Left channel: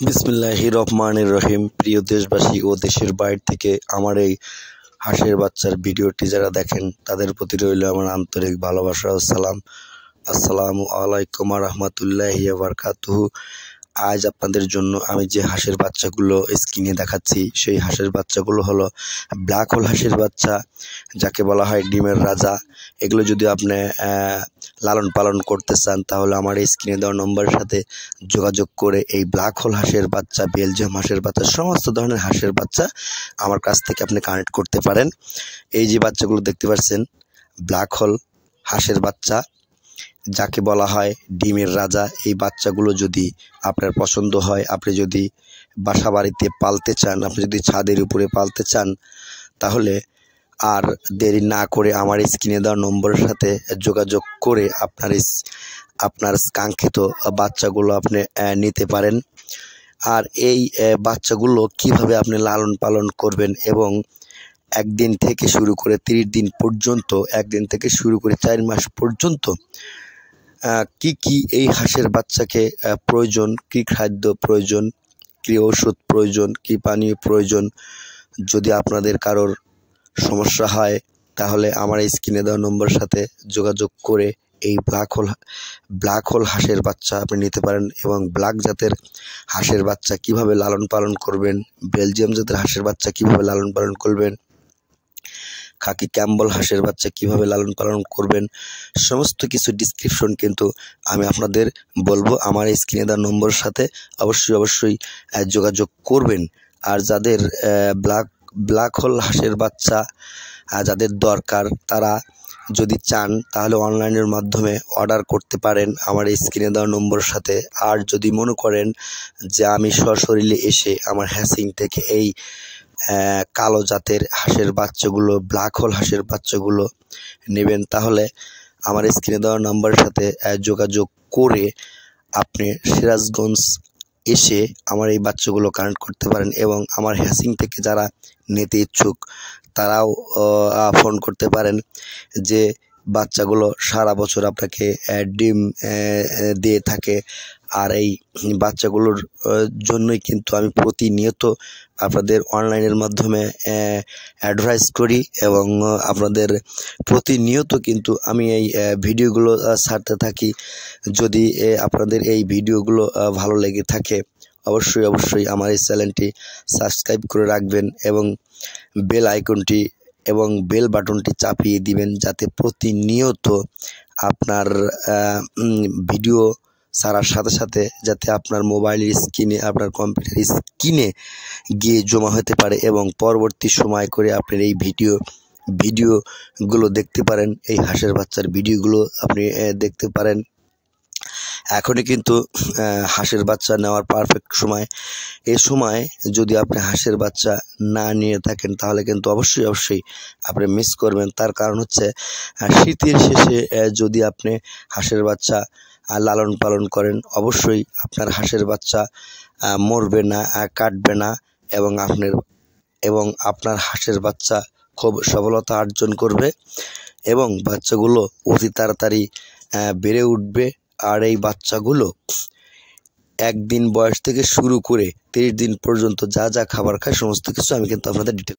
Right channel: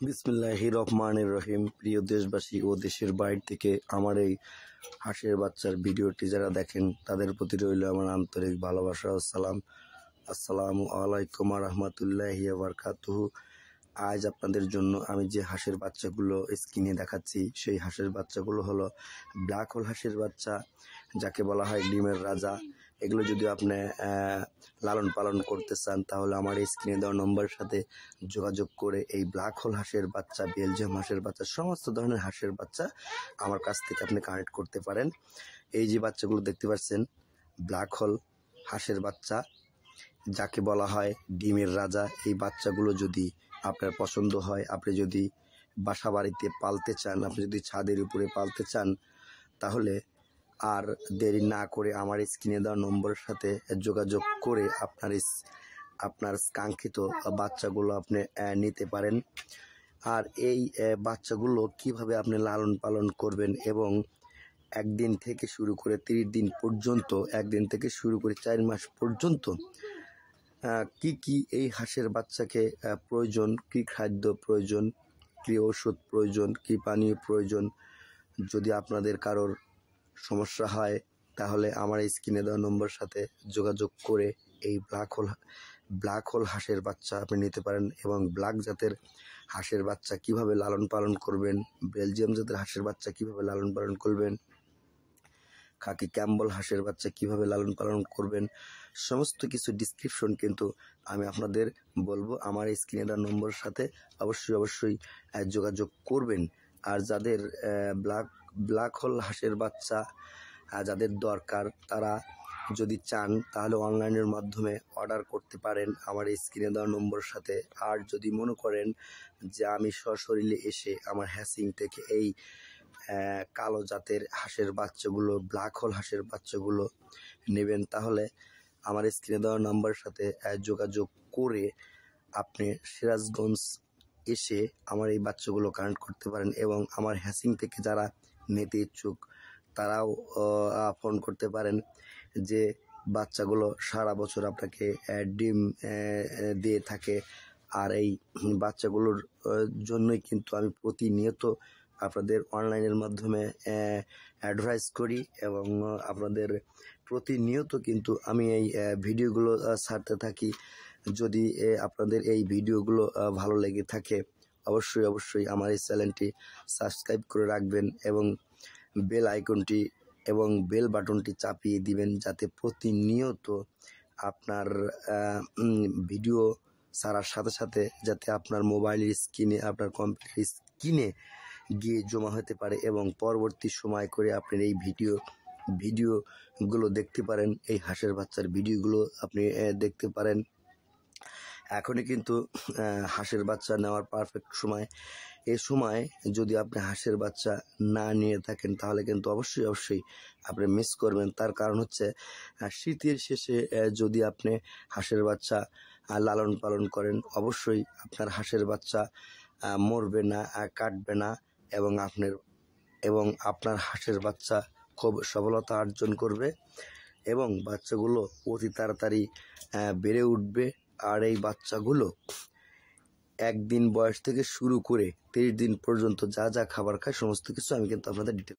বিসমিল্লাহির রহমানির রহিম। প্রিয় দেশবাসী ও দেশের বাইরে থেকে আমার এই হাঁসের বাচ্চার ভিডিওটি যারা দেখেন তাদের প্রতি রইল আমার আন্তরিক ভালোবাসা ও সালাম। আসসালামু আলাইকুম রহমতুল্লাহি ওয়া বারাকাতুহু। আজ আপনাদের জন্য আমি যে হাঁসের বাচ্চাগুলো স্ক্রিনে দেখাচ্ছি সেই হাঁসের বাচ্চাগুলো হলো ব্ল্যাক হোল হাঁসের বাচ্চা, যাকে বলা হয় ডিমের রাজা। এগুলো যদি আপনি লালন পালন করতে চান তাহলে আমার এই স্ক্রিনে দেওয়া নম্বরের সাথে যোগাযোগ করে এই ব্ল্যাক হোল হাঁসের বাচ্চা, বেলজিয়াম হাঁসের বাচ্চা, সমস্ত ধরনের হাঁসের বাচ্চা আমার কাছ থেকে আপনি কানেক্ট করতে পারেন। এই যে বাচ্চাগুলো দেখতে পাচ্ছেন ব্ল্যাক হোল হাঁসের বাচ্চা, যাকে বলা হয় ডিমের রাজা। এই বাচ্চাগুলো যদি আপনার পছন্দ হয়, আপনি যদি বাসা বাড়িতে পালতে চান, আপনি যদি ছাদের উপরে পালতে চান, তাহলে আর দেরি না করে আমার স্ক্রিনে দেওয়া নম্বরের সাথে যোগাযোগ করে আপনার কাঙ্ক্ষিত বাচ্চাগুলো আপনি নিতে পারেন। আর এই বাচ্চাগুলো কিভাবে আপনি লালন পালন করবেন এবং একদিন থেকে শুরু করে 30 দিন পর্যন্ত, একদিন থেকে শুরু করে 4 মাস পর্যন্ত কি এই হাঁসের বাচ্চাকে প্রয়োজন, কি খাদ্য প্রয়োজন, কি ওষুধ প্রয়োজন, কি পানীয় প্রয়োজন, যদি আপনাদের কারোর সমস্যা হয় তাহলে আমার এই স্ক্রিনে দেওয়া নম্বরের সাথে যোগাযোগ করে এই ব্ল্যাক হোল হাঁসের বাচ্চা আপনি নিতে পারেন। এবং ব্ল্যাক জাতের হাঁসের বাচ্চা কিভাবে লালন পালন করবেন, বেলজিয়াম জাতের হাঁসের বাচ্চা কিভাবে লালন পালন করবেন, খাকি ক্যাম্বল হাঁসের বাচ্চা কিভাবে লালন পালন করবেন, সমস্ত কিছু ডিসক্রিপশন কিন্তু আমি আপনাদের বলবো। আমার এই স্ক্রিনে দেওয়া নম্বরের সাথে অবশ্যই যোগাযোগ করবেন। আর যাদের ব্ল্যাক হোল হাঁসের বাচ্চা যাদের দরকার, তারা যদি চান তাহলে অনলাইনের মাধ্যমে অর্ডার করতে পারেন আমার এই স্ক্রিনে দেওয়া নম্বরের সাথে। আর যদি মনে করেন যে আমি সশরীরে এসে আমার হ্যাসিং থেকে এই কালো জাতের হাঁসের বাচ্চাগুলো, ব্ল্যাক হোল হাঁসের বাচ্চাগুলো নেবেন, তাহলে আমার স্ক্রিনে দেওয়া নাম্বারের সাথে যোগাযোগ করে আপনি সিরাজগঞ্জ এসে আমার এই বাচ্চাগুলো কানেক্ট করতে পারেন। এবং আমার হ্যাসিং থেকে যারা নিতে ইচ্ছুক তারাও ফোন করতে পারেন। যে বাচ্চাগুলো সারা বছর আপনাকে ডিম দিয়ে থাকে। আর এই বাচ্চাগুলোর জন্যই কিন্তু আমি প্রতিনিয়ত আপনাদের অনলাইনের মাধ্যমে অ্যাডভাইস করি এবং আপনাদের প্রতিনিয়ত কিন্তু আমি এই ভিডিওগুলো ছাড়তে থাকি। যদি আপনাদের এই ভিডিওগুলো ভালো লেগে থাকে অবশ্যই আমার এই চ্যানেলটি সাবস্ক্রাইব করে রাখবেন এবং বেল আইকনটি এবং বেল বাটনটি চাপিয়ে দিবেন, যাতে প্রতিনিয়ত আপনার ভিডিও ছাড়ার সাথে সাথে যাতে আপনার মোবাইলের স্ক্রিনে, আপনার কম্পিউটারের স্ক্রিনে গিয়ে জমা হতে পারে এবং পরবর্তী সময় করে আপনার এই ভিডিওগুলো দেখতে পারেন। এই হাঁসের বাচ্চার ভিডিওগুলো আপনি দেখতে পারেন। এখনই কিন্তু হাঁসের বাচ্চা নেওয়ার পারফেক্ট সময়। এই সময় যদি আপনি হাঁসের বাচ্চা না নিয়ে থাকেন তাহলে কিন্তু অবশ্যই আপনি মিস করবেন। তার কারণ হচ্ছে শীতের শেষে যদি আপনি হাঁসের বাচ্চা লালন পালন করেন অবশ্যই আপনার হাঁসের বাচ্চা মরবে না, কাটবে না এবং আপনার হাঁসের বাচ্চা খুব সফলতা অর্জন করবে এবং বাচ্চাগুলো অতি তাড়াতাড়ি বেড়ে উঠবে। আর এই বাচ্চাগুলো একদিন বয়স থেকে শুরু করে 30 দিন পর্যন্ত যা খাবার খায় সমস্ত কিছু আমি কিন্তু আপনাদের ডিটেল